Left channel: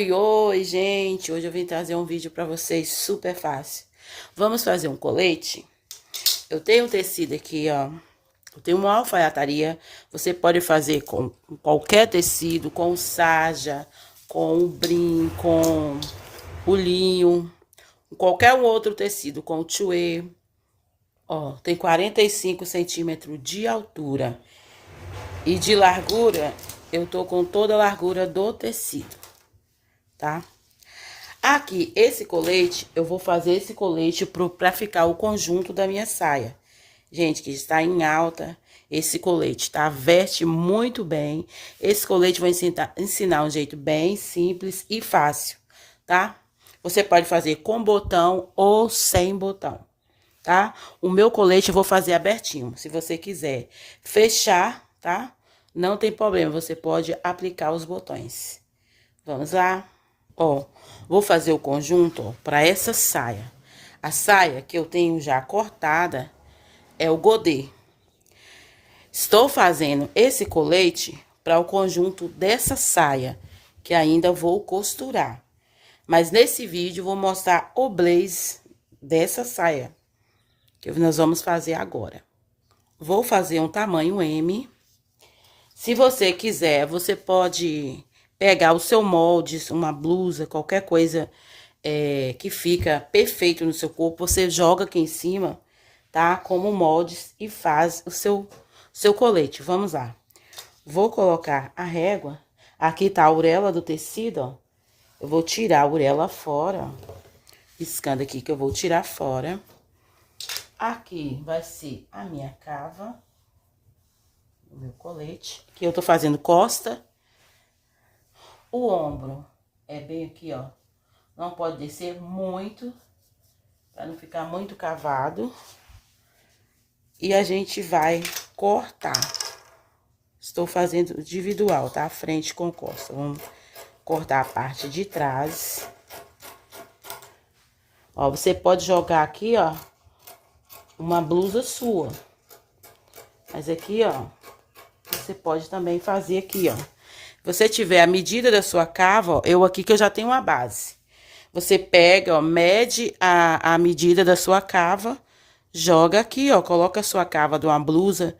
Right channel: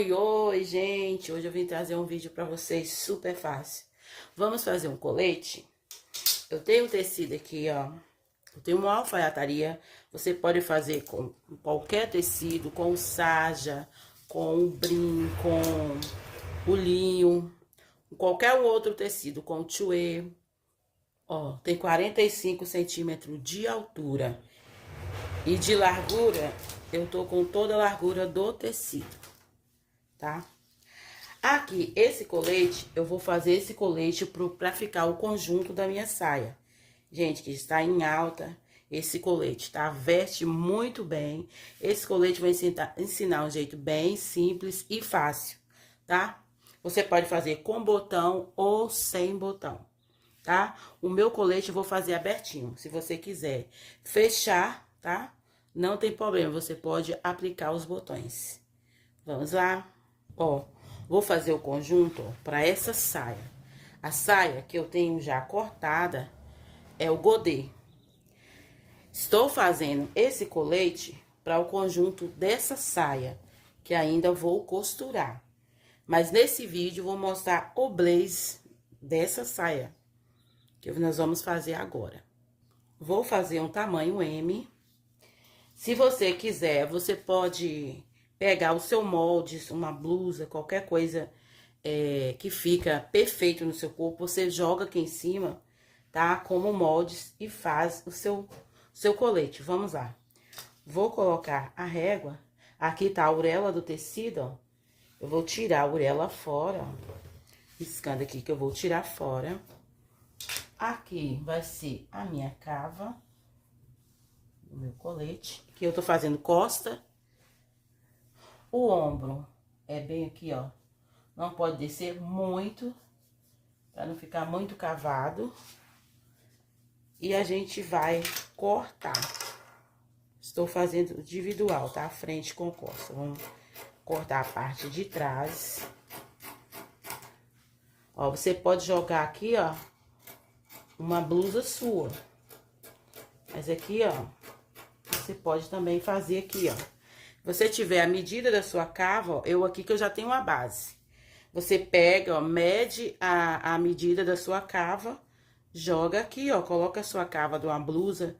Oi, gente! Hoje eu vim trazer um vídeo para vocês super fácil. Vamos fazer um colete? Eu tenho um tecido aqui, ó. Eu tenho uma alfaiataria. Você pode fazer com qualquer tecido, com sarja, com brim, com o linho, com qualquer outro tecido, com tuê. Ó, tem 45 centímetros de altura. E de largura, eu tô com toda a largura do tecido, tá? Aqui, esse colete, eu vou fazer esse colete pra ficar o conjunto da minha saia. Gente, que está em alta esse colete, tá? Veste muito bem. Esse colete vai ensinar um jeito bem simples e fácil, tá? Você pode fazer com botão ou sem botão, tá? O meu colete eu vou fazer abertinho. Se você quiser fechar, tá? Não tem problema, você pode aplicar os botões. Vamos lá? Ó, vou fazer o conjunto, ó, para essa saia. A saia que eu tenho já cortada é o godê. Estou fazendo esse colete para o conjunto dessa saia, que ainda vou costurar. Mas nesse vídeo vou mostrar o blaze dessa saia, que nós vamos fazer agora. Vou fazer um tamanho M. Se você quiser, você pode pegar o seu molde, uma blusa, qualquer coisa que fica perfeito no seu corpo, você joga aqui em cima, tá? Como moldes e faz o seu colete. Vamos lá. Vou colocar a régua. Aqui tá a orelha do tecido, ó. Eu vou tirar a orelha fora, ó. Riscando aqui que eu vou tirar fora. Aqui vai ser a minha cava do meu colete. Aqui eu tô fazendo costa. O ombro é bem aqui, ó. Não pode descer muito, para não ficar muito cavado. E a gente vai cortar. Estou fazendo individual, tá? Frente com costa. Vamos cortar a parte de trás. Ó, você pode jogar aqui, ó, uma blusa sua. Mas aqui, ó, você pode também fazer aqui, ó. Se você tiver a medida da sua cava, ó, eu aqui que eu já tenho uma base. Você pega, ó, mede a medida da sua cava, joga aqui, ó, coloca a sua cava de uma blusa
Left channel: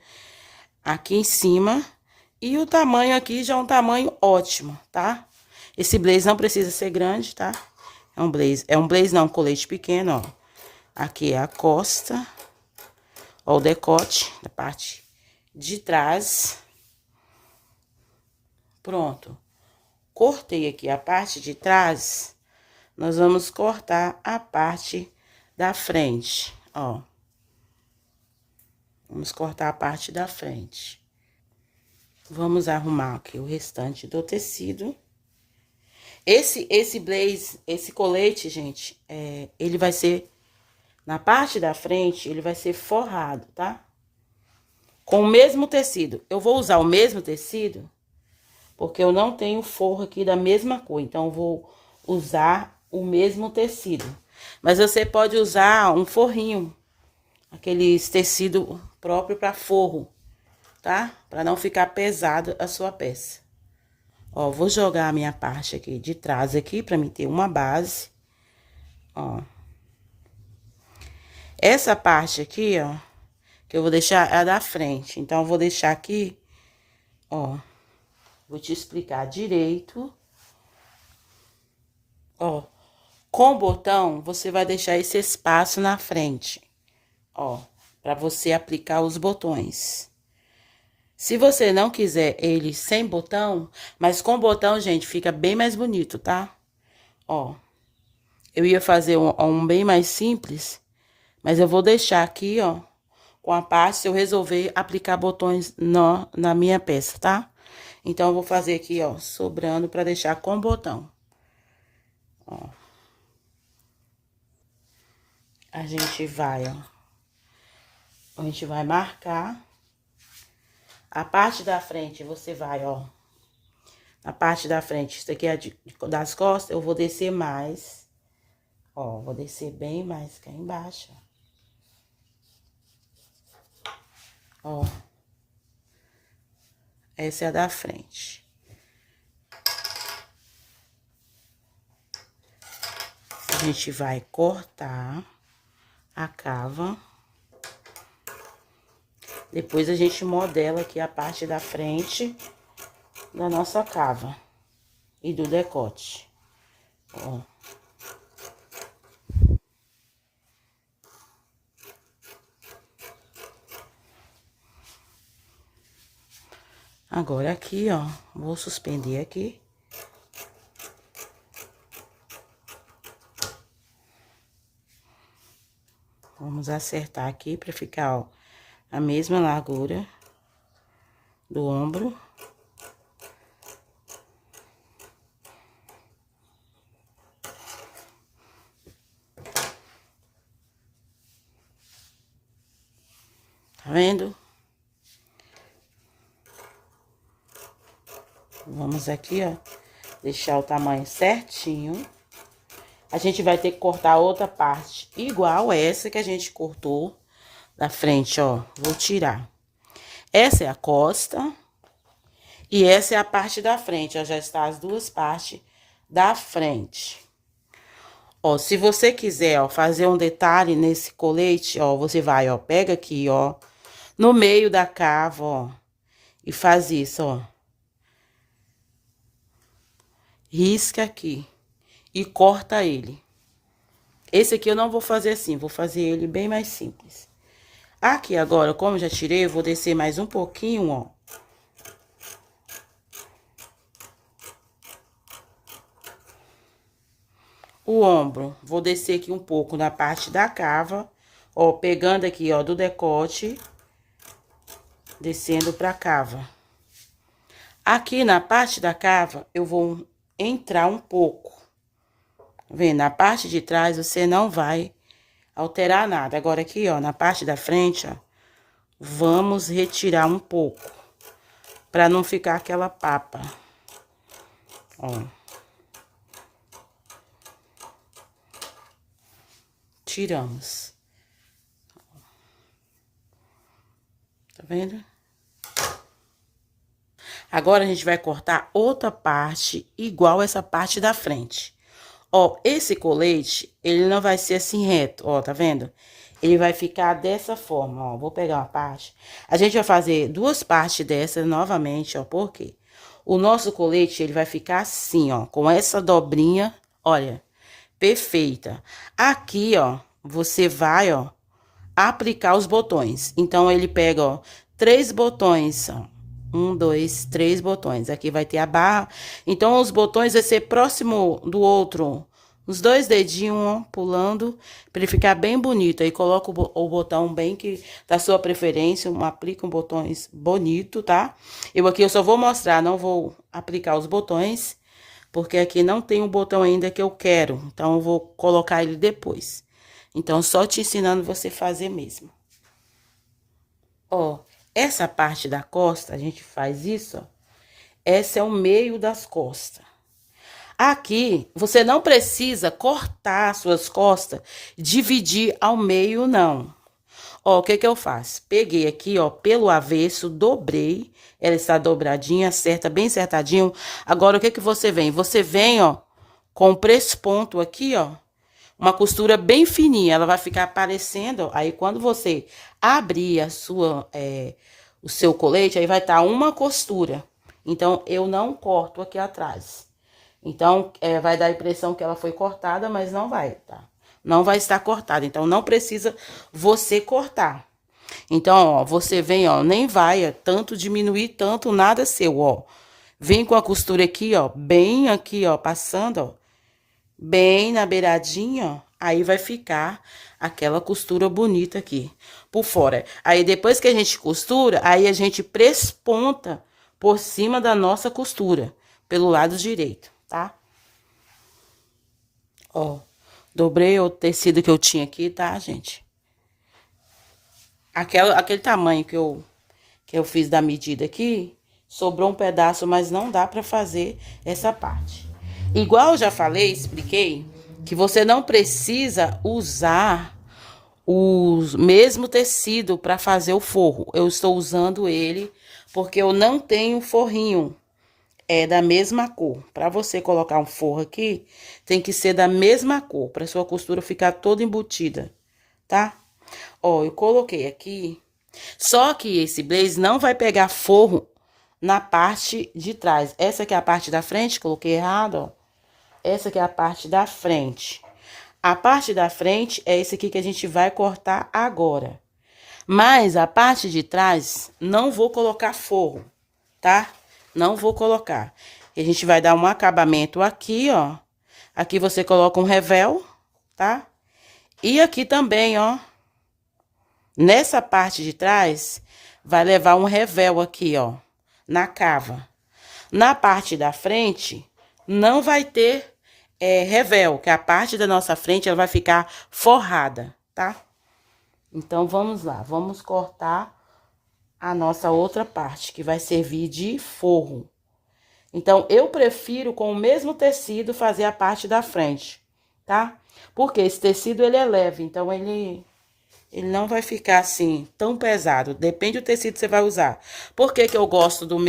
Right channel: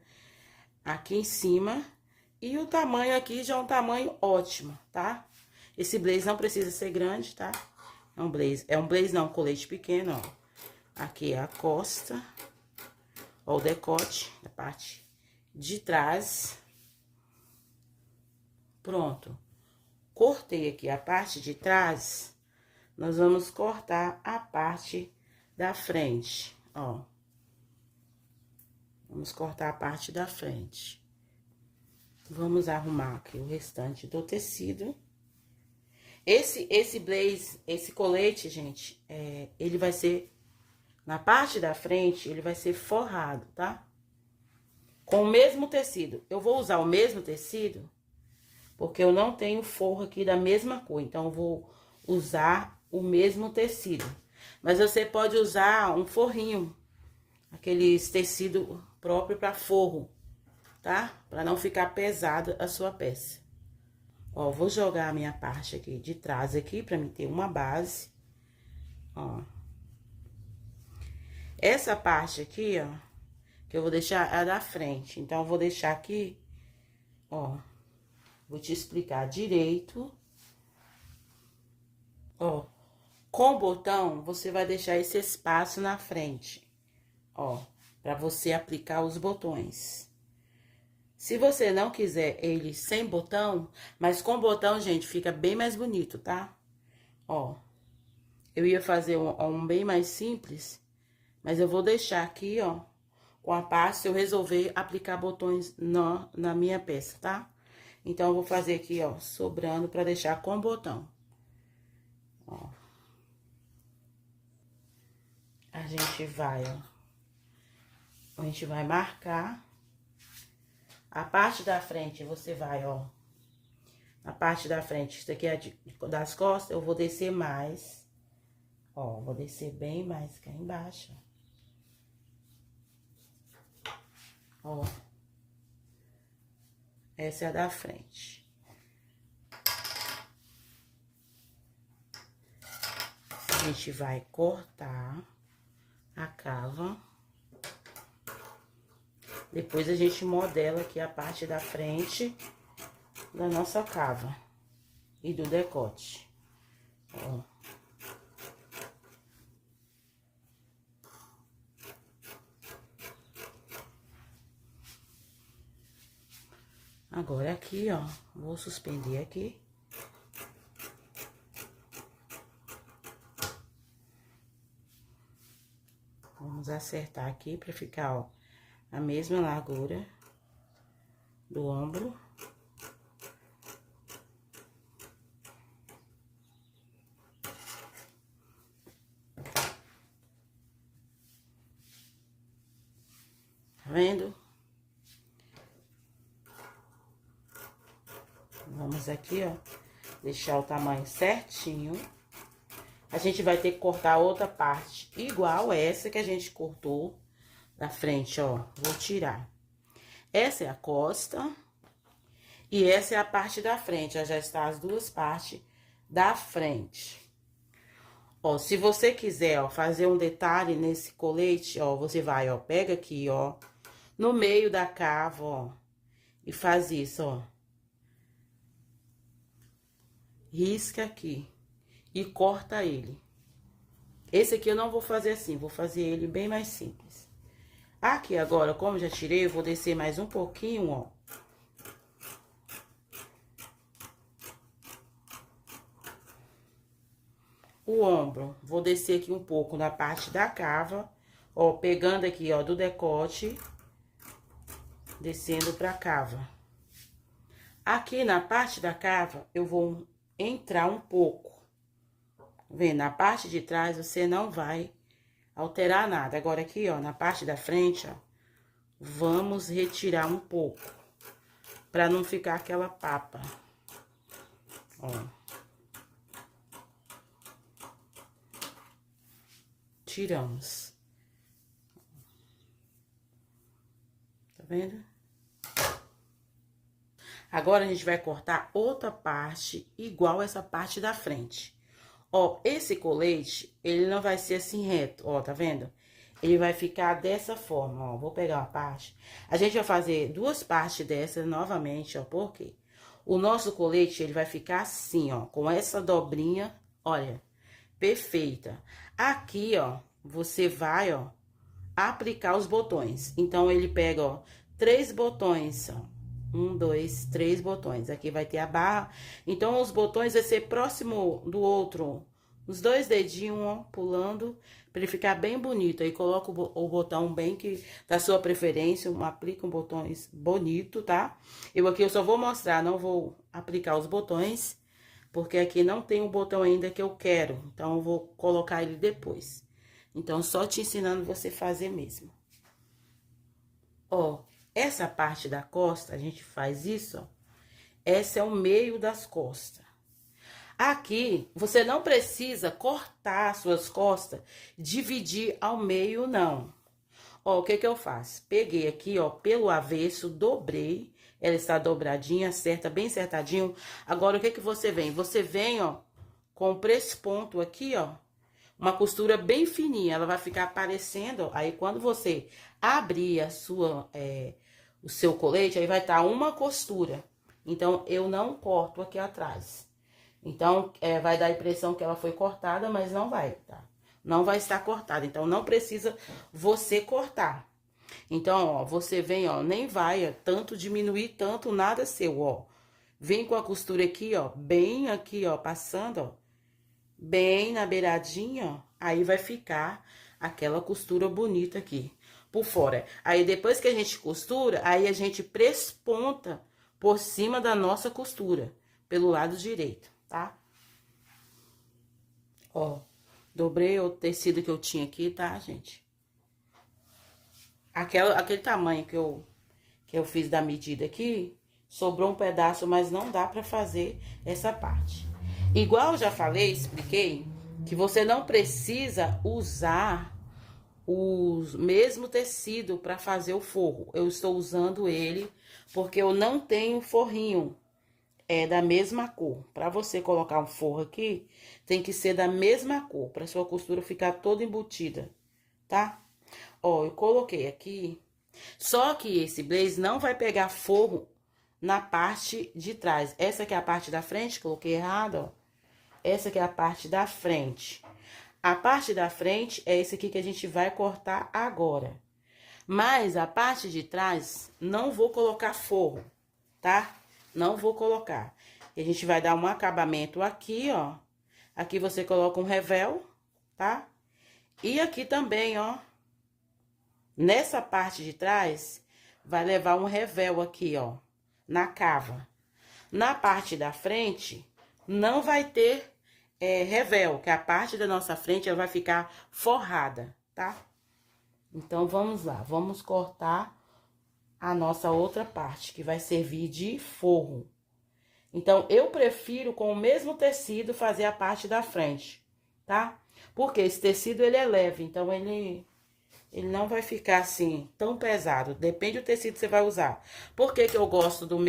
aqui em cima. E o tamanho aqui já é um tamanho ótimo, tá? Esse blaze não precisa ser grande, tá? É um blaze não, um colete pequeno, ó. Aqui é a costa, ó, o decote da parte de trás. Pronto. Cortei aqui a parte de trás, nós vamos cortar a parte da frente, ó. Vamos cortar a parte da frente. Vamos arrumar aqui o restante do tecido. Esse blaze, esse colete, gente, ele vai ser, na parte da frente, ele vai ser forrado, tá? Com o mesmo tecido. Eu vou usar o mesmo tecido, porque eu não tenho forro aqui da mesma cor, então eu vou usar o mesmo tecido. Mas você pode usar um forrinho, aqueles tecido próprio para forro, tá? Para não ficar pesado a sua peça. Ó, vou jogar a minha parte aqui de trás aqui, pra mim ter uma base. Ó. Essa parte aqui, ó, que eu vou deixar é da frente. Então, eu vou deixar aqui, ó. Vou te explicar direito. Ó, com o botão, você vai deixar esse espaço na frente, ó, pra você aplicar os botões. Se você não quiser ele sem botão, mas com botão, gente, fica bem mais bonito, tá? Ó, eu ia fazer um bem mais simples, mas eu vou deixar aqui, ó, com a parte, se eu resolver aplicar botões na minha peça, tá? Então, eu vou fazer aqui, ó, sobrando pra deixar com botão. Ó. A gente vai, ó. A gente vai marcar. A parte da frente, você vai, ó. A parte da frente, isso aqui é das costas, eu vou descer mais. Ó, vou descer bem mais cá embaixo. Ó. Essa é a da frente. A gente vai cortar a cava. Depois a gente modela aqui a parte da frente da nossa cava e do decote. Ó. Agora aqui, ó, vou suspender aqui. Vamos acertar aqui pra ficar, ó, a mesma largura do ombro. Tá vendo? Vamos aqui, ó, deixar o tamanho certinho. A gente vai ter que cortar outra parte igual essa que a gente cortou da frente, ó. Vou tirar. Essa é a costa e essa é a parte da frente, ó. Já está as duas partes da frente. Ó, se você quiser, ó, fazer um detalhe nesse colete, ó, você vai, ó, pega aqui, ó, no meio da cava, ó, e faz isso, ó. Risca aqui e corta ele. Esse aqui eu não vou fazer assim, vou fazer ele bem mais simples. Aqui agora, como eu já tirei, eu vou descer mais um pouquinho, ó. O ombro, vou descer aqui um pouco na parte da cava, ó, pegando aqui, ó, do decote, descendo pra cava. Aqui na parte da cava, eu vou entrar um pouco. Vendo, na parte de trás você não vai alterar nada. Agora aqui, ó, na parte da frente, ó, vamos retirar um pouco, pra não ficar aquela papa. Ó. Tiramos. Tá vendo? Agora, a gente vai cortar outra parte igual essa parte da frente. Ó, esse colete, ele não vai ser assim reto, ó, tá vendo? Ele vai ficar dessa forma, ó. Vou pegar uma parte. A gente vai fazer duas partes dessa novamente, ó, por quê? O nosso colete, ele vai ficar assim, ó, com essa dobrinha, olha, perfeita. Aqui, ó, você vai, ó, aplicar os botões. Então, ele pega, ó, 3 botões, ó. 1, 2, 3 botões. Aqui vai ter a barra. Então, os botões vai ser próximo do outro. Os 2 dedinhos, ó, pulando, pra ele ficar bem bonito. Aí, coloca o botão bem que da sua preferência. Aplica um botões bonito, tá? Eu aqui, eu só vou mostrar, não vou aplicar os botões, porque aqui não tem o botão ainda que eu quero. Então, eu vou colocar ele depois. Então, só te ensinando você fazer mesmo. Ó, essa parte da costa, a gente faz isso, ó. Esse é o meio das costas. Aqui, você não precisa cortar as suas costas, dividir ao meio, não. Ó, o que que eu faço? Peguei aqui, ó, pelo avesso, dobrei. Ela está dobradinha, certa, bem acertadinho. Agora, o que que você vem? Você vem, ó, com o press-ponto aqui, ó. Uma costura bem fininha, ela vai ficar aparecendo, ó. Aí, quando você abrir a sua, o seu colete, aí vai estar uma costura. Então, eu não corto aqui atrás. Então, vai dar a impressão que ela foi cortada, mas não vai, tá? Não vai estar cortada, então não precisa você cortar. Então, ó, você vem, ó, nem vai tanto diminuir tanto nada seu, ó. Vem com a costura aqui, ó, bem aqui, ó, passando, ó, bem na beiradinha, ó. Aí vai ficar aquela costura bonita aqui, por fora. Aí, depois que a gente costura, aí a gente presponta por cima da nossa costura, pelo lado direito, tá? Ó, dobrei o tecido que eu tinha aqui, tá, gente? Aquele tamanho que eu fiz da medida aqui, sobrou um pedaço, mas não dá pra fazer essa parte. Igual eu já falei, expliquei, que você não precisa usar o mesmo tecido para fazer o forro. Eu estou usando ele porque eu não tenho forrinho. é da mesma cor. Para você colocar um forro aqui, tem que ser da mesma cor, para sua costura ficar toda embutida, tá? Ó, eu coloquei aqui, só que esse blaze não vai pegar forro na parte de trás. Essa aqui é a parte da frente, coloquei errado, ó. Essa aqui é a parte da frente. A parte da frente é esse aqui que a gente vai cortar agora. Mas a parte de trás, não vou colocar forro, tá? Não vou colocar. A gente vai dar um acabamento aqui, ó. Aqui você coloca um revel, tá? E aqui também, ó. Nessa parte de trás, vai levar um revel aqui, ó. Na cava. Na parte da frente, não vai ter revel, que a parte da nossa frente, ela vai ficar forrada, tá? Então, vamos lá. Vamos cortar a nossa outra parte, que vai servir de forro. Então, eu prefiro com o mesmo tecido fazer a parte da frente, tá? Porque esse tecido, ele é leve, então ele não vai ficar assim, tão pesado. Depende do tecido que você vai usar. Por que que eu gosto o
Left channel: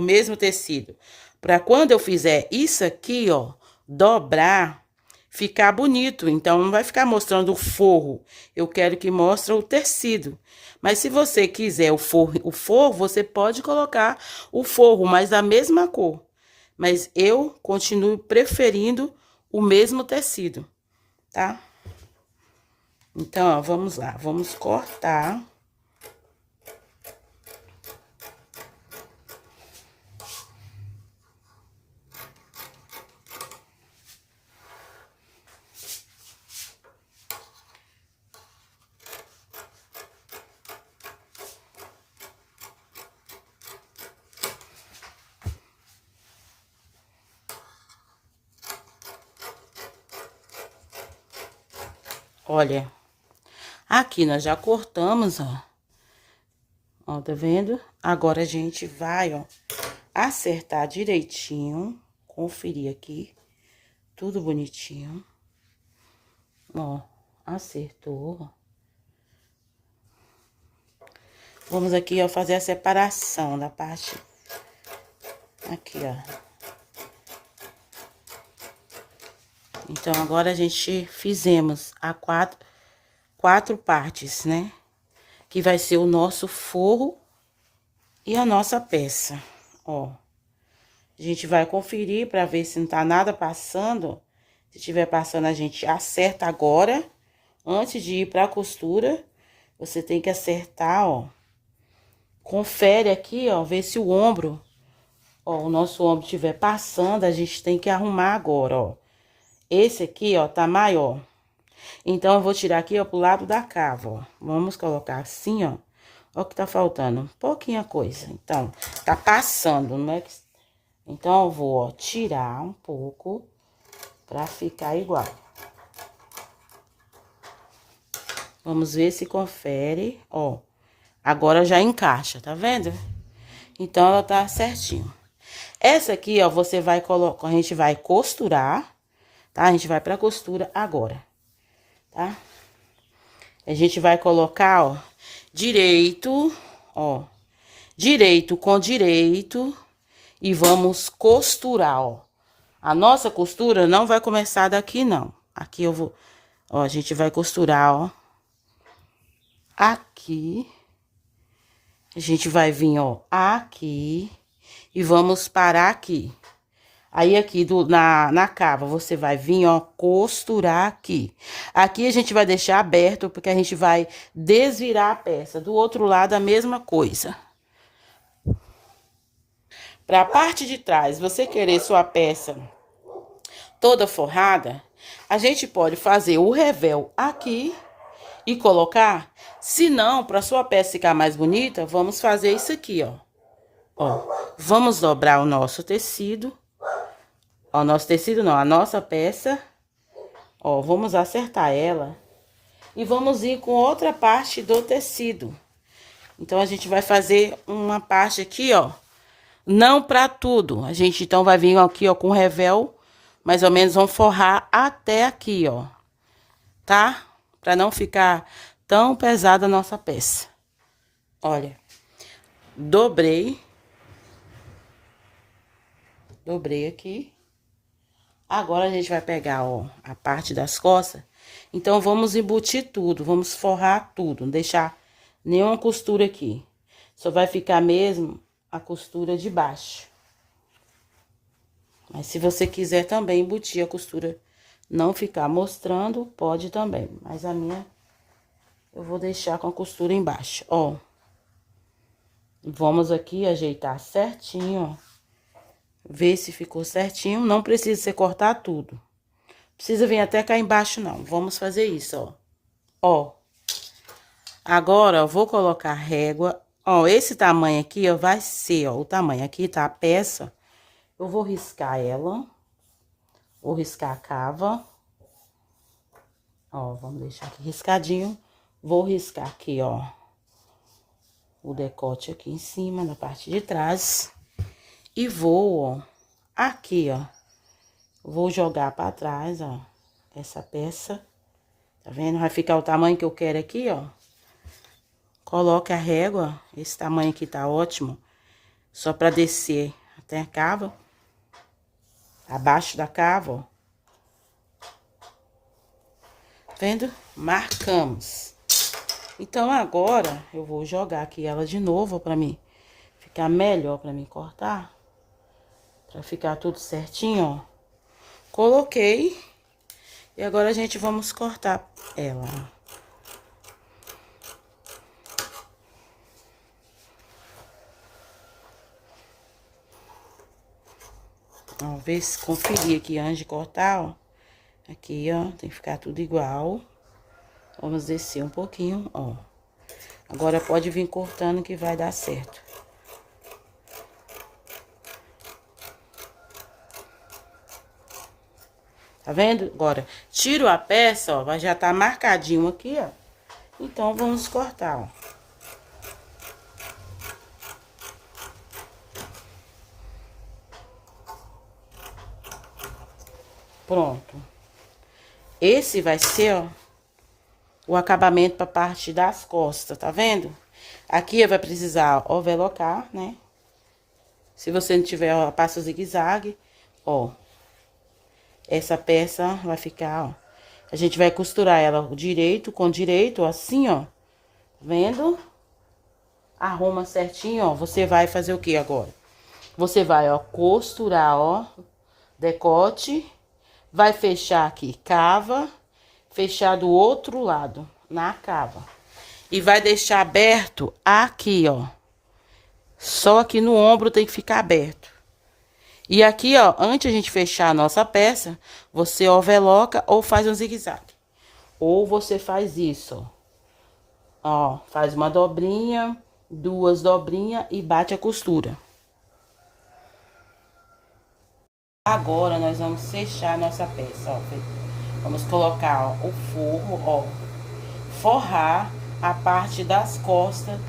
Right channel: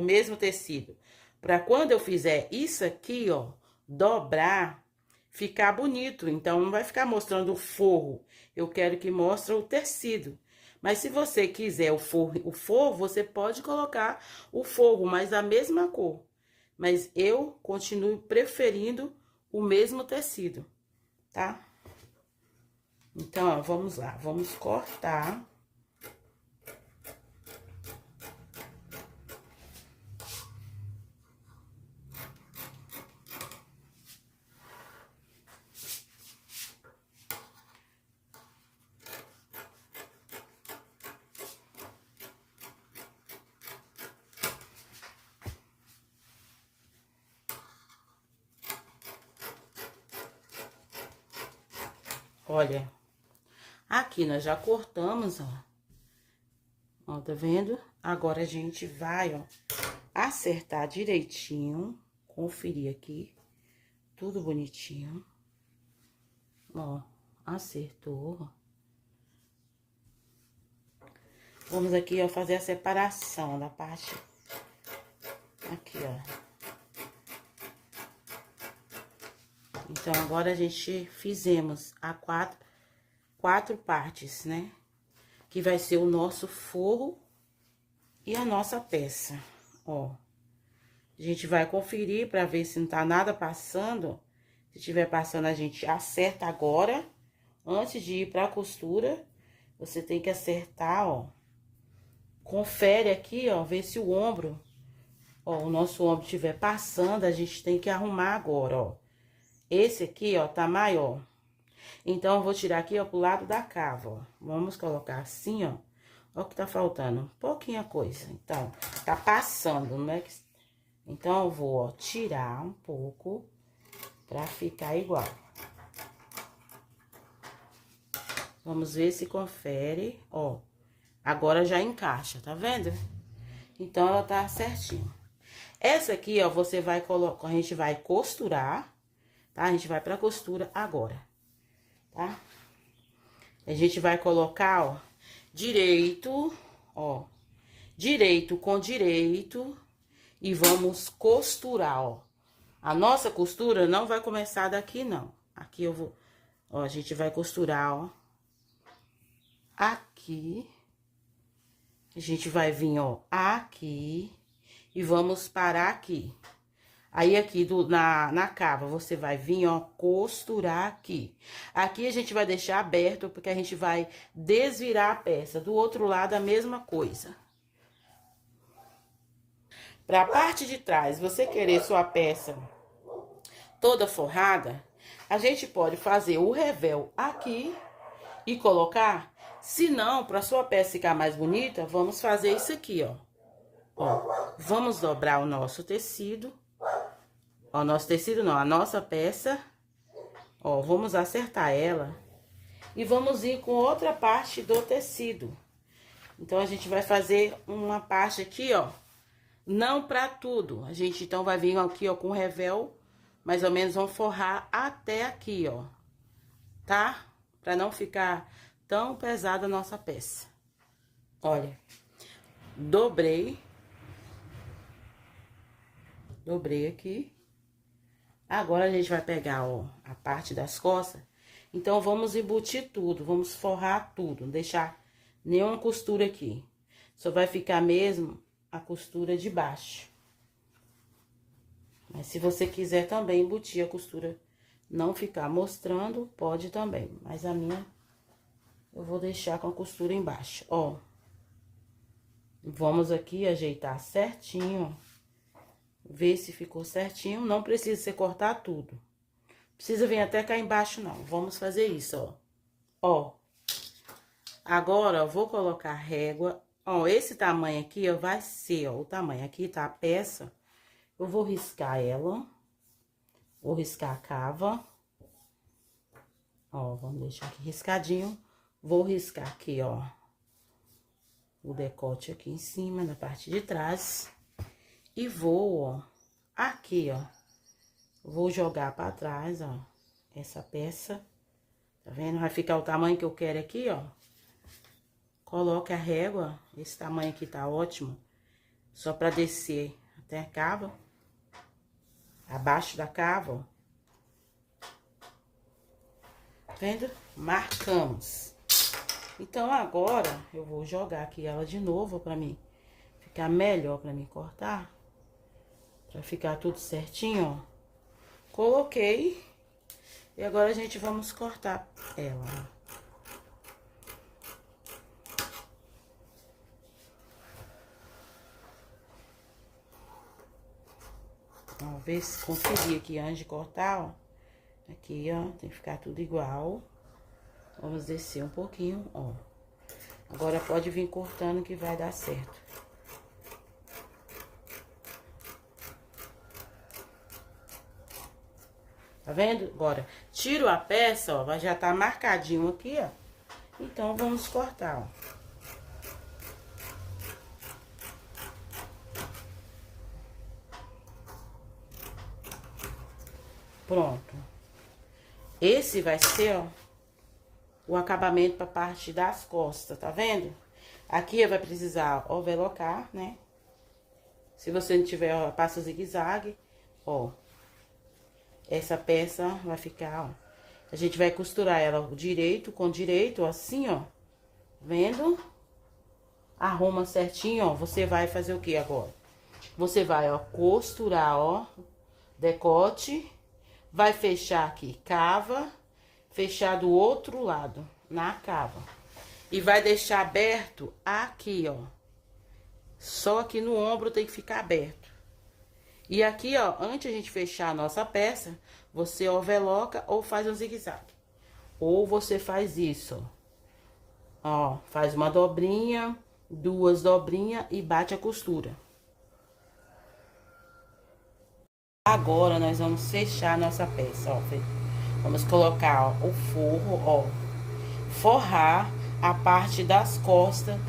mesmo tecido? Pra quando eu fizer isso aqui, ó, dobrar, ficar bonito. Então, não vai ficar mostrando o forro. Eu quero que mostre o tecido. Mas se você quiser o forro, você pode colocar o forro, mas da mesma cor. Mas eu continuo preferindo o mesmo tecido, tá? Então, ó, vamos lá, vamos cortar. Olha, aqui nós já cortamos, ó. Ó, tá vendo? Agora a gente vai, ó, acertar direitinho, conferir aqui, tudo bonitinho. Ó, acertou. Vamos aqui, ó, fazer a separação da parte aqui, ó. Então, agora a gente fizemos quatro partes, né? Que vai ser o nosso forro e a nossa peça, ó. A gente vai conferir pra ver se não tá nada passando. Se tiver passando, a gente acerta agora. Antes de ir pra costura, você tem que acertar, ó. Confere aqui, ó, ver se o ombro, ó, o nosso ombro estiver passando, a gente tem que arrumar agora, ó. Esse aqui, ó, tá maior. Então, eu vou tirar aqui, ó, pro lado da cava, ó. Vamos colocar assim, ó. Ó o que tá faltando, pouquinha coisa. Então, tá passando, não é que... Então, eu vou, ó, tirar um pouco pra ficar igual. Vamos ver se confere, ó. Agora já encaixa, tá vendo? Então, ela tá certinho. Essa aqui, ó, você vai colocar, a gente vai costurar, tá? A gente vai pra costura agora, tá? A gente vai colocar, ó, direito, ó, direito com direito e vamos costurar, ó. A nossa costura não vai começar daqui, não. Aqui eu vou, ó, a gente vai costurar, ó, aqui. A gente vai vir, ó, aqui e vamos parar aqui. Aí, aqui na cava, você vai vir, ó, costurar aqui. Aqui a gente vai deixar aberto, porque a gente vai desvirar a peça. Do outro lado, a mesma coisa. Pra parte de trás, você querer sua peça toda forrada, a gente pode fazer o revel aqui e colocar. Se não, pra sua peça ficar mais bonita, vamos fazer isso aqui, ó. Ó, vamos dobrar o nosso tecido. Ó, nosso tecido não, a nossa peça. Ó, vamos acertar ela. E vamos ir com outra parte do tecido. Então, a gente vai fazer uma parte aqui, ó. Não pra tudo. A gente, então, vai vir aqui, ó, com revel. Mais ou menos, vamos forrar até aqui, ó. Tá? Pra não ficar tão pesada a nossa peça. Olha. Dobrei. Dobrei aqui. Agora, a gente vai pegar, ó, a parte das costas. Então, vamos embutir tudo, vamos forrar tudo, não deixar nenhuma costura aqui. Só vai ficar mesmo a costura de baixo. Mas se você quiser também embutir a costura, não ficar mostrando, pode também. Mas a minha, eu vou deixar com a costura embaixo, ó. Vamos aqui ajeitar certinho, ó. Ver se ficou certinho. Não precisa você cortar tudo. Precisa vir até cá embaixo, não. Vamos fazer isso, ó. Ó. Agora, eu vou colocar a régua. Ó, esse tamanho aqui, ó, vai ser, ó, o tamanho aqui, tá? A peça. Eu vou riscar ela. Vou riscar a cava. Ó, vamos deixar aqui riscadinho. Vou riscar aqui, ó, o decote aqui em cima, na parte de trás. E vou, ó, aqui, ó, vou jogar pra trás, ó, essa peça. Tá vendo? Vai ficar o tamanho que eu quero aqui, ó. Coloca a régua, esse tamanho aqui tá ótimo. Só pra descer até a cava. Abaixo da cava, ó. Vendo? Marcamos. Então, agora, eu vou jogar aqui ela de novo pra mim ficar melhor pra mim cortar. Pra ficar tudo certinho, ó. Coloquei. E agora, a gente vamos cortar ela. Ó, ver se conferir aqui antes de cortar, ó. Aqui, ó, tem que ficar tudo igual. Vamos descer um pouquinho, ó. Agora, pode vir cortando que vai dar certo. Tá vendo? Agora, tiro a peça, ó, vai já tá marcadinho aqui, ó. Então, vamos cortar, ó. Pronto. Esse vai ser, ó, o acabamento pra parte das costas, tá vendo? Aqui vai precisar overlocar, né? Se você não tiver, ó, passa o zigue-zague, ó. Essa peça vai ficar, ó. A gente vai costurar ela direito com direito, assim, ó. Vendo? Arruma certinho, ó. Você vai fazer o que agora? Você vai, ó, costurar, ó, decote. Vai fechar aqui, cava. Fechar do outro lado, na cava. E vai deixar aberto aqui, ó. Só aqui no ombro tem que ficar aberto. E aqui, ó, antes de a gente fechar a nossa peça, você overloca ou faz um zigue-zague. Ou você faz isso, ó. Faz uma dobrinha, duas dobrinhas e bate a costura. Agora, nós vamos fechar a nossa peça, ó. Vamos colocar, ó, o forro, ó. Forrar a parte das costas,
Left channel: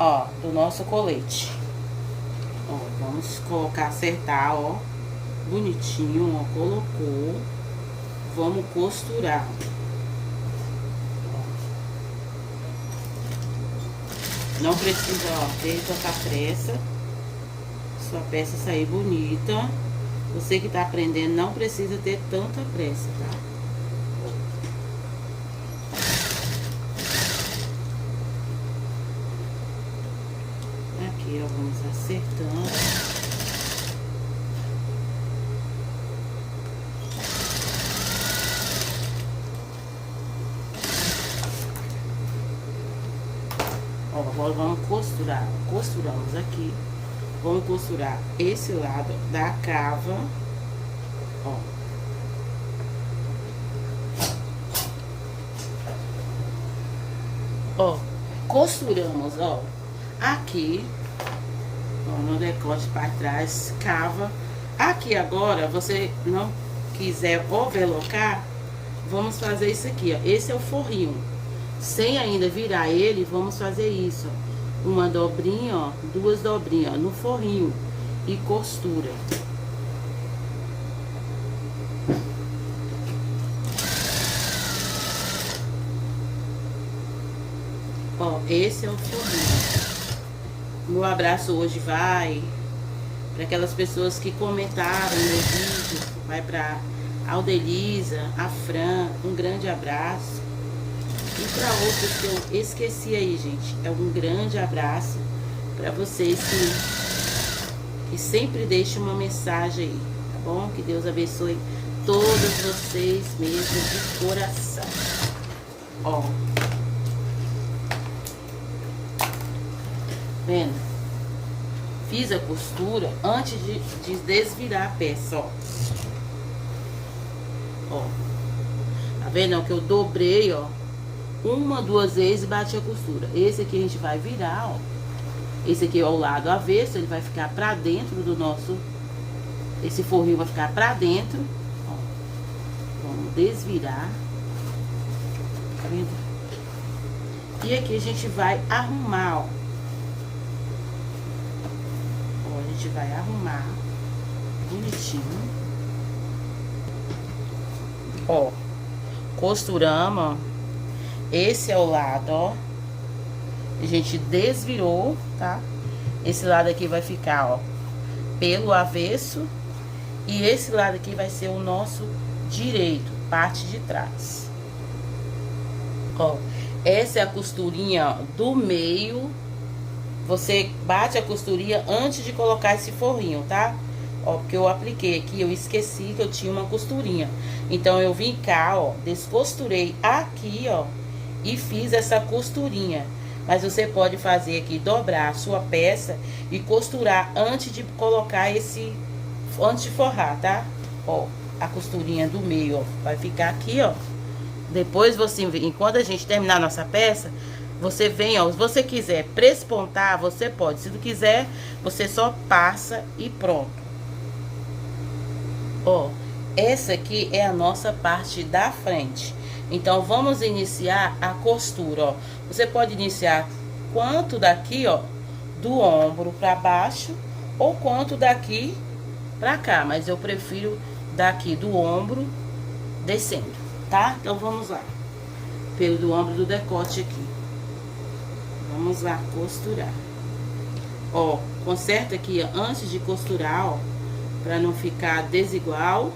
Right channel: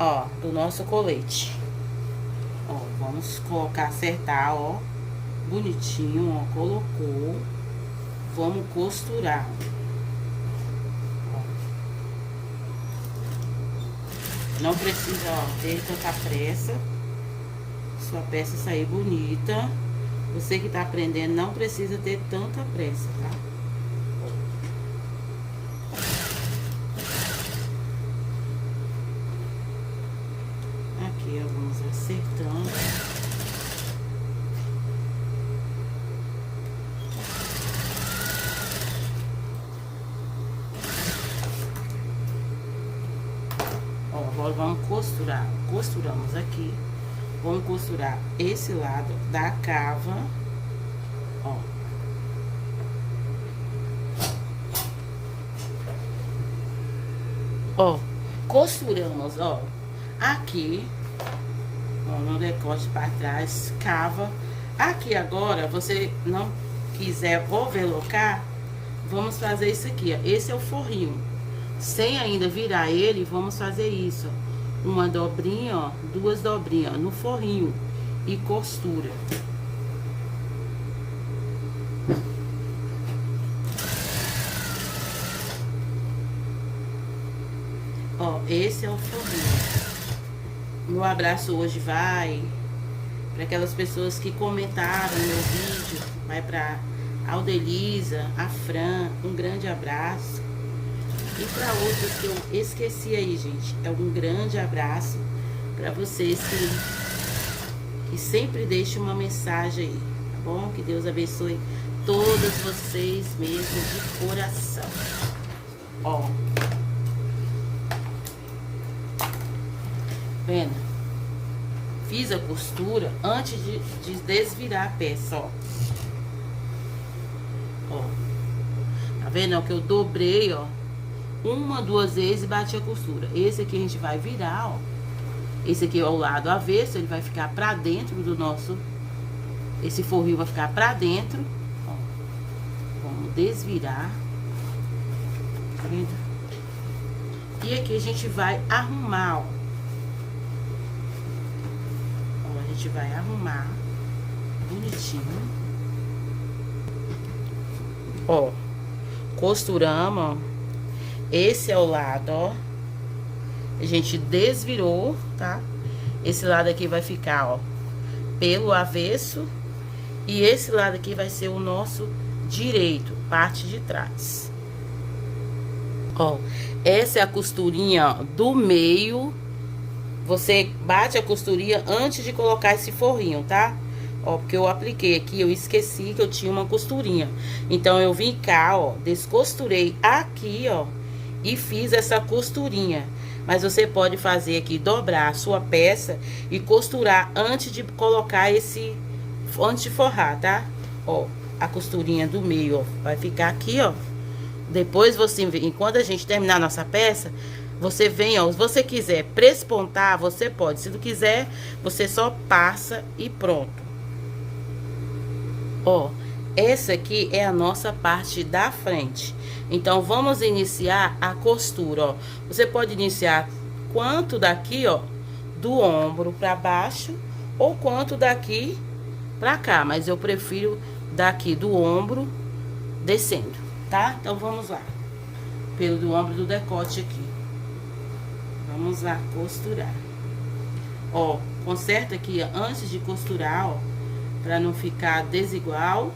ó, do nosso colete. Ó, vamos colocar, acertar, ó, bonitinho, ó, colocou. Vamos costurar. Ó. Não precisa, ó, ter tanta pressa. Sua peça sair bonita. Você que tá aprendendo, não precisa ter tanta pressa, tá? Aqui, ó, vamos acertando. Ó, agora vamos costurar. Costuramos aqui. Vamos costurar esse lado da cava, ó. Ó, costuramos, ó, aqui, ó, no decote para trás, cava. Aqui agora, você não quiser overlocar, vamos fazer isso aqui, ó. Esse é o forrinho. Sem ainda virar ele, vamos fazer isso, ó. Uma dobrinha, ó, duas dobrinhas, ó, no forrinho e costura. Ó, esse é o forrinho. No abraço hoje vai Para aquelas pessoas que comentaram no meu vídeo, vai para Aldelisa, a Fran, um grande abraço. E para outros que eu esqueci aí, gente, é um grande abraço para vocês que sempre deixam uma mensagem aí, tá bom? Que Deus abençoe todos vocês mesmo de coração. Ó, vendo? Fiz a costura antes de desvirar a peça, ó. Ó, tá vendo? Que eu dobrei, ó, uma, duas vezes e bati a costura. Esse aqui a gente vai virar, ó. Esse aqui é o lado avesso, ele vai ficar pra dentro do nosso... Esse forrinho vai ficar pra dentro, ó. Vamos desvirar. Tá vendo? E aqui a gente vai arrumar, ó. A gente vai arrumar bonitinho. Ó, costuramos, ó. Esse é o lado, ó. A gente desvirou, tá? Esse lado aqui vai ficar, ó, pelo avesso. E esse lado aqui vai ser o nosso direito, parte de trás. Ó, essa é a costurinha do meio. Você bate a costurinha antes de colocar esse forrinho, tá? Ó, porque eu apliquei aqui, eu esqueci que eu tinha uma costurinha. Então, eu vim cá, ó, descosturei aqui, ó, e fiz essa costurinha. Mas você pode fazer aqui, dobrar a sua peça e costurar antes de colocar antes de forrar, tá? Ó, a costurinha do meio, ó, vai ficar aqui, ó. Depois você, enquanto a gente terminar a nossa peça, você vem, ó, se você quiser prespontar, você pode. Se não quiser, você só passa e pronto. Ó, essa aqui é a nossa parte da frente. Então, vamos iniciar a costura, ó. Você pode iniciar quanto daqui, ó, do ombro pra baixo, ou quanto daqui pra cá. Mas eu prefiro daqui do ombro descendo, tá? Então, vamos lá. Pelo do ombro do decote aqui. Vamos lá, costurar. Ó, conserta aqui, ó, antes de costurar, ó, pra não ficar desigual.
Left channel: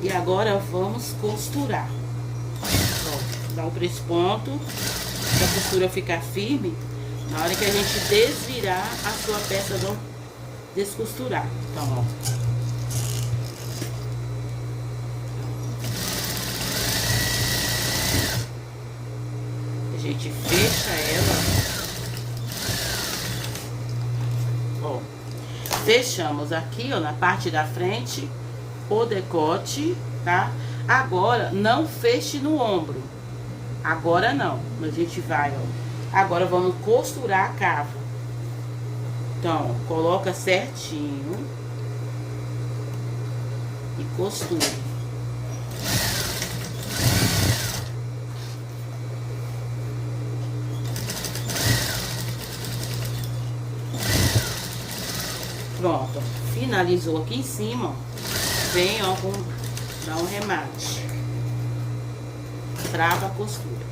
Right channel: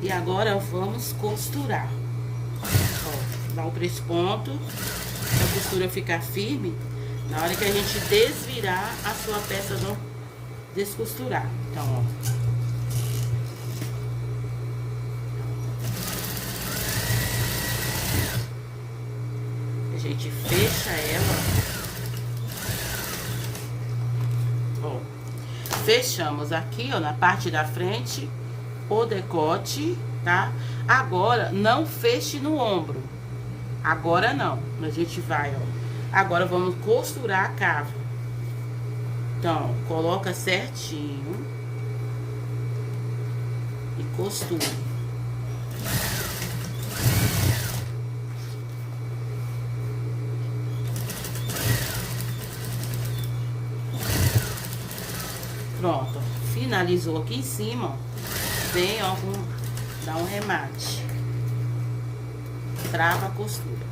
E agora, vamos costurar. Ó, dá um presponto, pra a costura ficar firme. Na hora que a gente desvirar, a sua peça não descosturar. Então, ó. A gente fecha ela. Ó, fechamos aqui, ó, na parte da frente, o decote, tá? Agora, não feche no ombro. Agora não. A gente vai, ó. Agora, vamos costurar a cava. Então, coloca certinho. E costura. Pronto. Finalizou aqui em cima, ó. Vem, ó, dá um remate. Trava a costura.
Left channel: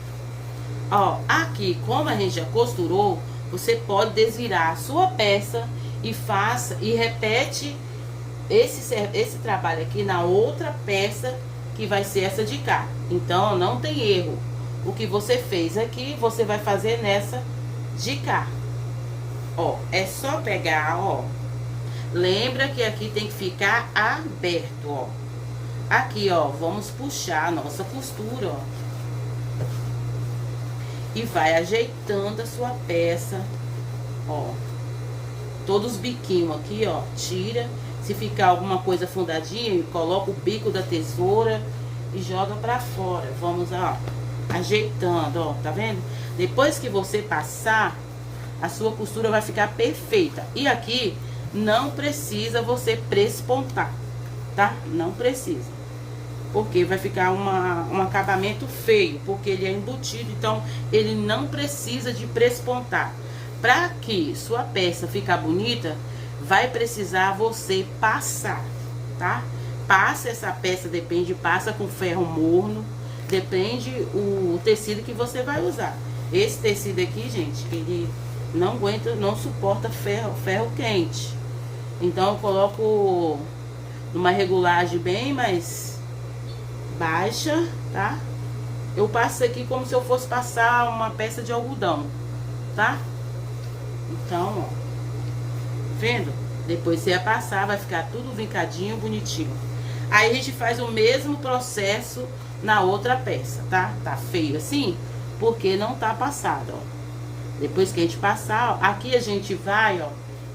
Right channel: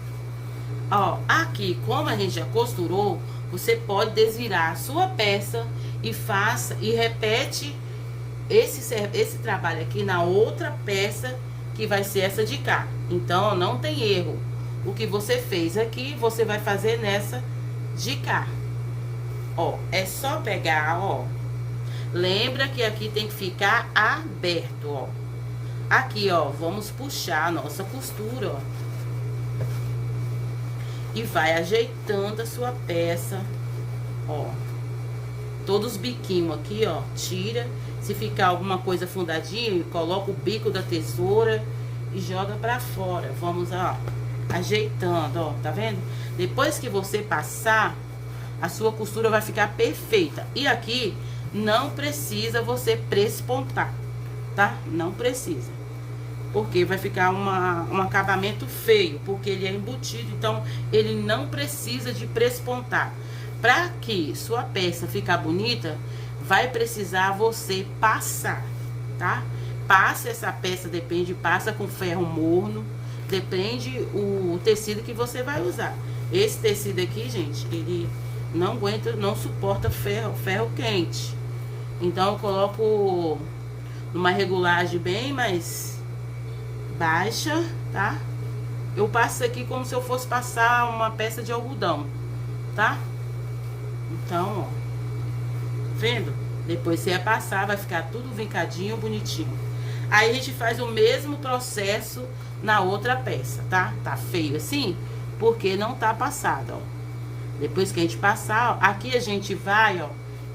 Ó, aqui, como a gente já costurou, você pode desvirar a sua peça e faça e repete esse trabalho aqui na outra peça, que vai ser essa de cá. Então, não tem erro. O que você fez aqui, você vai fazer nessa de cá. Ó, é só pegar, ó. Lembra que aqui tem que ficar aberto, ó. Aqui, ó, vamos puxar a nossa costura, ó. E vai ajeitando a sua peça, ó. Todos os biquinhos aqui, ó, tira. Se ficar alguma coisa fundadinha, coloca o bico da tesoura e joga pra fora. Vamos, ó, ajeitando, ó, tá vendo? Depois que você passar, a sua costura vai ficar perfeita. E aqui não precisa você prespontar, tá? Não precisa. Porque vai ficar um acabamento feio, porque ele é embutido, então ele não precisa de prespontar. Para que sua peça ficar bonita, vai precisar você passar, tá? Passa essa peça, passa com ferro morno, depende o tecido que você vai usar. Esse tecido aqui, gente, ele não aguenta, não suporta ferro quente. Então eu coloco numa regulagem bem mais baixa, tá? Eu passo aqui como se eu fosse passar uma peça de algodão, tá? Então, ó, vendo? Depois você vai passar, vai ficar tudo vincadinho, bonitinho. Aí a gente faz o mesmo processo na outra peça, tá? Tá feio assim, porque não tá passado, ó. Depois que a gente passar, ó, aqui a gente vai, ó,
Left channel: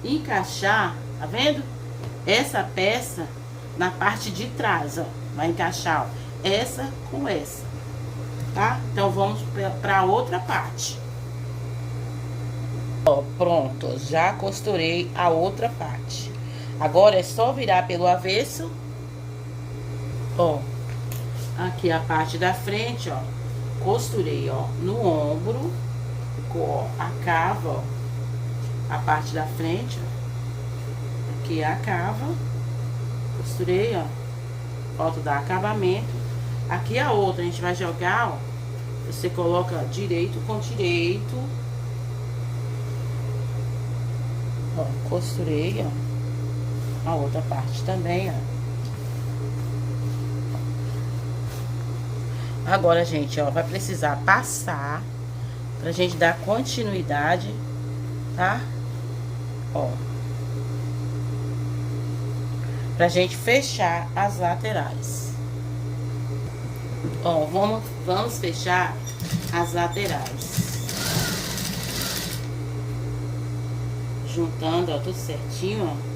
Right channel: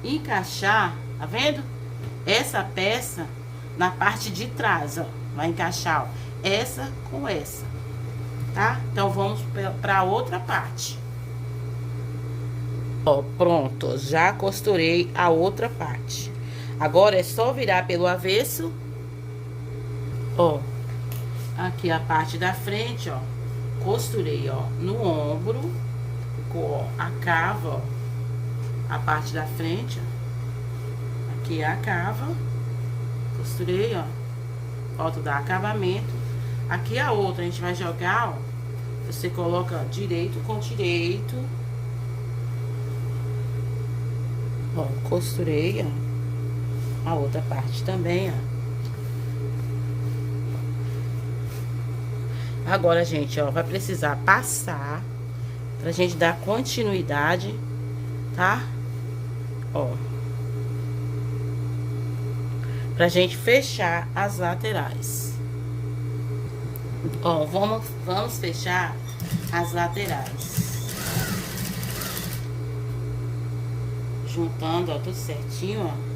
encaixar, tá vendo? Essa peça na parte de trás, ó. Vai encaixar, ó, essa com essa, tá? Então vamos pra outra parte. Ó, pronto, já costurei a outra parte. Agora é só virar pelo avesso. Ó, aqui a parte da frente, ó, costurei, ó, no ombro, ficou, ó, a cava, ó, a parte da frente, ó, aqui a cava, costurei, ó, falta dar acabamento. Aqui a outra, a gente vai jogar, ó, você coloca direito com direito. Ó, costurei, ó, a outra parte também, ó. Agora, gente, ó, vai precisar passar pra gente dar continuidade, tá? Ó. Pra gente fechar as laterais. Ó, vamos fechar as laterais. Juntando, ó, tudo certinho, ó.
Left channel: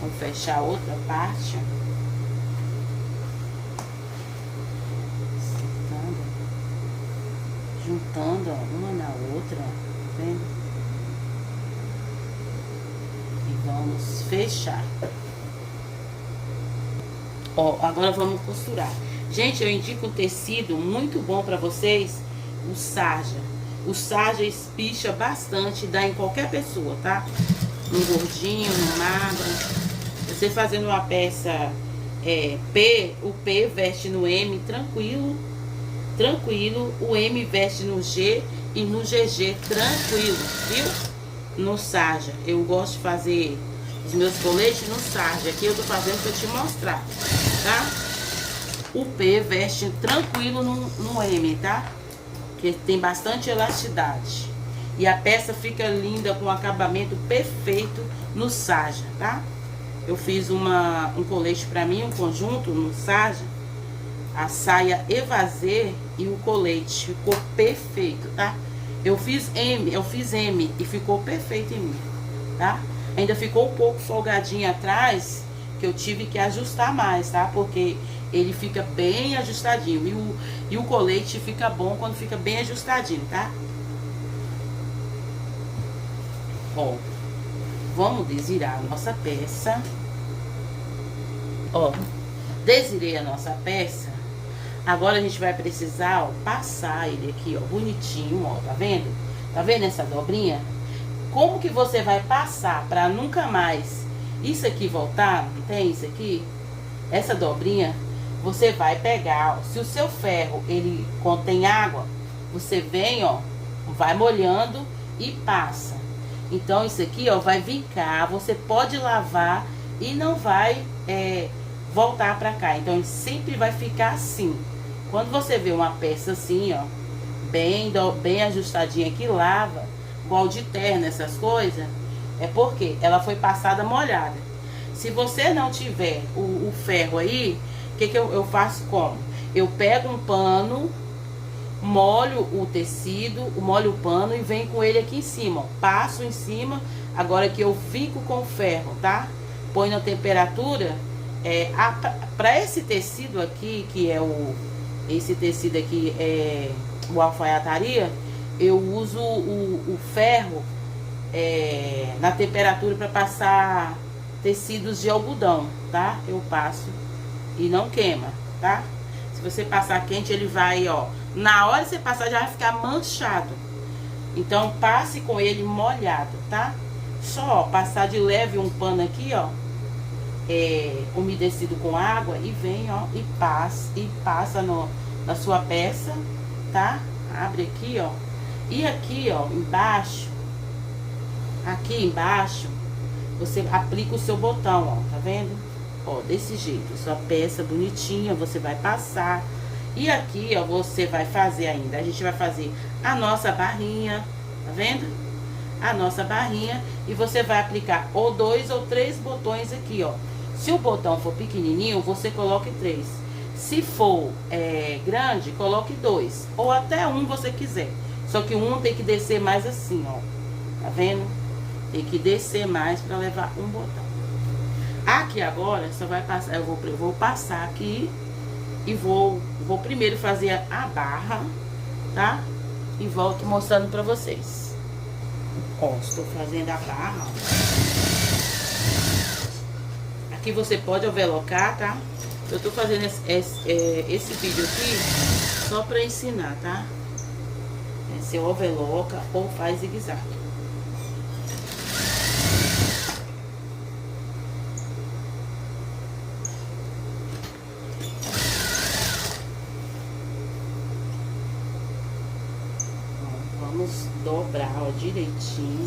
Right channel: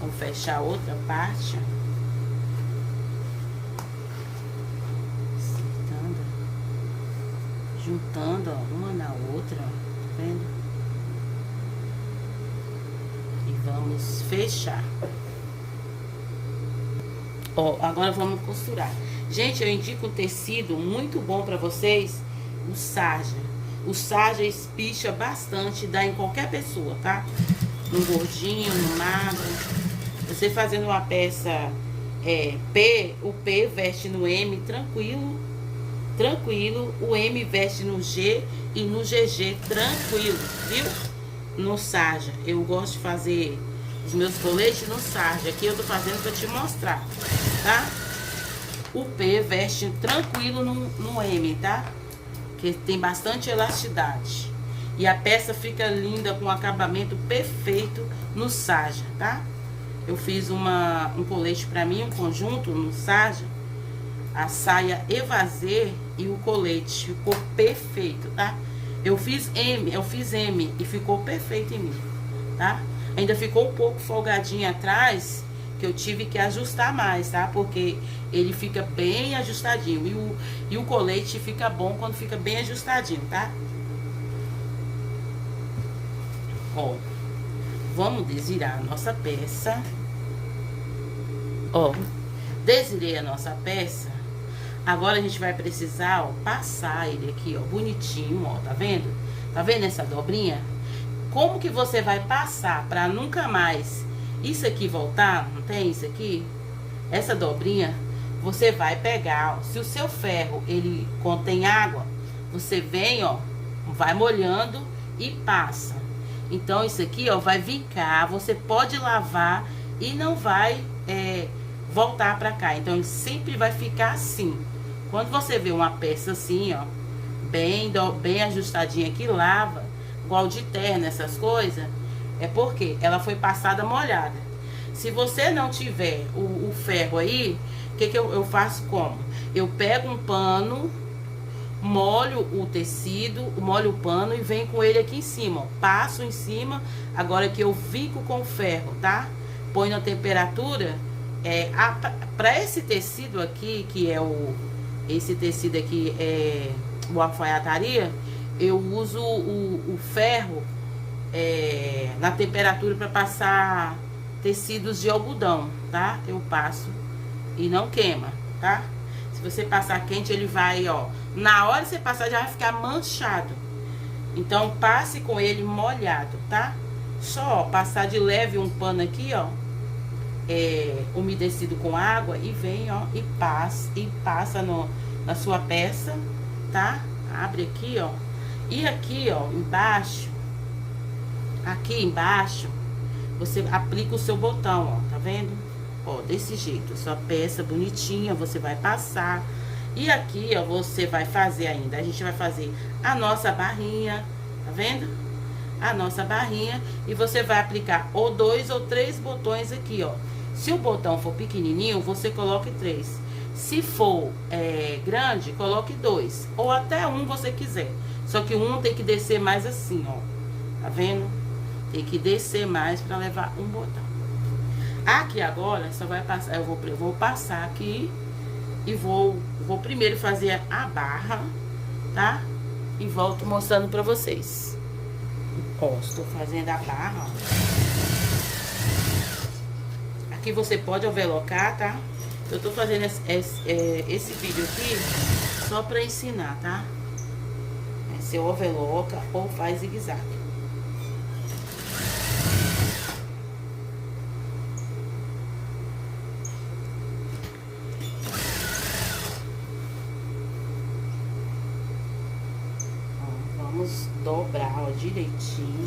Vamos fechar a outra parte. Juntando, ó, uma na outra, ó, tá vendo? E vamos fechar. Ó, agora vamos costurar. Gente, eu indico um tecido muito bom pra vocês, o sarja. O sarja espicha bastante, dá em qualquer pessoa, tá? No gordinho, no magro. Você fazendo uma peça P, o P veste no M tranquilo, tranquilo. O M veste no G e no GG tranquilo, viu? No sarja. Eu gosto de fazer os meus coletes no sarja. Aqui eu tô fazendo pra te mostrar, tá? O P veste tranquilo no M, tá? Que tem bastante elasticidade. E a peça fica linda, com acabamento perfeito no sarja, tá? Eu fiz um colete pra mim, um conjunto no sarja. A saia evasê e o colete. Ficou perfeito, tá? Eu fiz M e ficou perfeito em mim, tá? Ainda ficou um pouco folgadinho atrás, que eu tive que ajustar mais, tá? Porque ele fica bem ajustadinho. E o colete fica bom quando fica bem ajustadinho, tá? Ó, vamos desvirar a nossa peça. Ó, desvirei a nossa peça. Agora a gente vai precisar, ó, passar ele aqui, ó, bonitinho, ó, tá vendo? Tá vendo essa dobrinha? Como que você vai passar pra nunca mais isso aqui voltar? Não tem isso aqui? Essa dobrinha, você vai pegar, ó, se o seu ferro, ele contém água, você vem, ó, vai molhando e passa. Então, isso aqui, ó, vai vincar, você pode lavar e não vai voltar pra cá. Então, ele sempre vai ficar assim. Quando você vê uma peça assim, ó, bem ajustadinha que lava, igual de terno, essas coisas, é porque ela foi passada molhada. Se você não tiver o ferro aí, o que eu faço como? Eu pego um pano, molho o tecido, molho o pano e venho com ele aqui em cima, ó. Passo em cima, agora que eu vinco com o ferro, tá? Põe na temperatura, para esse tecido aqui, que é esse tecido aqui é o alfaiataria, eu uso o ferro na temperatura para passar tecidos de algodão, tá? Eu passo e não queima, tá? Se você passar quente, ele vai, ó, na hora que você passar já vai ficar manchado. Então, passe com ele molhado, tá? Só, ó, passar de leve um pano aqui, ó. umedecido com água e vem, ó, e passa na sua peça, tá? Abre aqui, ó. E aqui, ó, aqui embaixo, você aplica o seu botão, ó, tá vendo? Ó, desse jeito, sua peça bonitinha, você vai passar. E aqui, ó, você vai fazer ainda, a gente vai fazer a nossa barrinha, tá vendo? A nossa barrinha, e você vai aplicar ou 2 ou 3 botões aqui, ó. Se o botão for pequenininho, você coloque 3. Se for grande, coloque 2. Ou até um você quiser. Só que um tem que descer mais assim, ó. Tá vendo? Tem que descer mais pra levar um botão. Aqui agora, só vai passar, eu vou passar aqui e vou primeiro fazer a barra, tá? E volto mostrando pra vocês. Ó, estou fazendo a barra, ó. Aqui você pode overlocar, tá? Eu tô fazendo esse vídeo aqui só pra ensinar, tá? Você overloca ou faz zigue-zague. Vamos dobrar, ó, direitinho.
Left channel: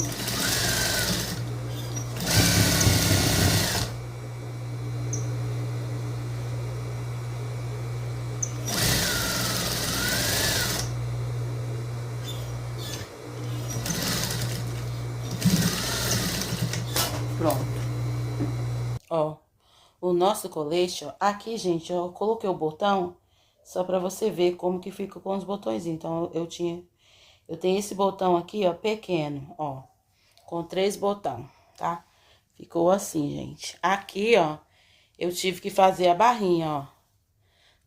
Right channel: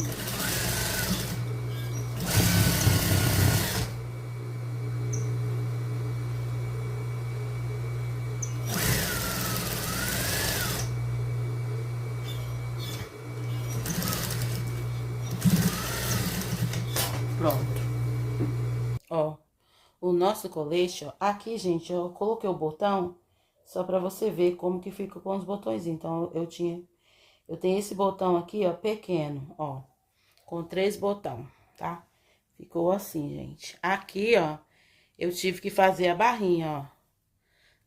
Pronto. Ó, o nosso colete, ó, aqui, gente, eu coloquei o botão só pra você ver como que fica com os botões. Então, eu tenho esse botão aqui, ó, pequeno, ó, com 3 botões, tá? Ficou assim, gente. Aqui, ó, eu tive que fazer a barrinha, ó,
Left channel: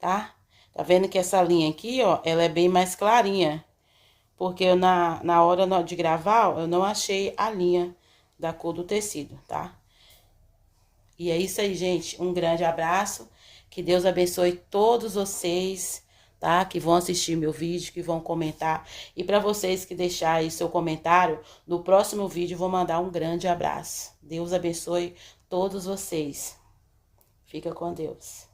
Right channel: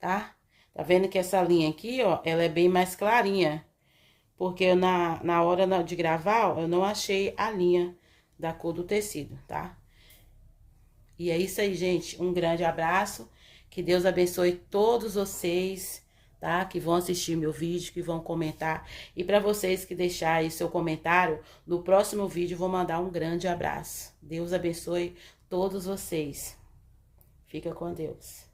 tá? Tá vendo que essa linha aqui, ó, ela é bem mais clarinha. Porque eu, na hora de gravar, ó, eu não achei a linha da cor do tecido, tá? E é isso aí, gente. Um grande abraço. Que Deus abençoe todos vocês, tá? Que vão assistir meu vídeo, que vão comentar. E para vocês que deixarem seu comentário, no próximo vídeo eu vou mandar um grande abraço. Deus abençoe todos vocês. Fica com Deus.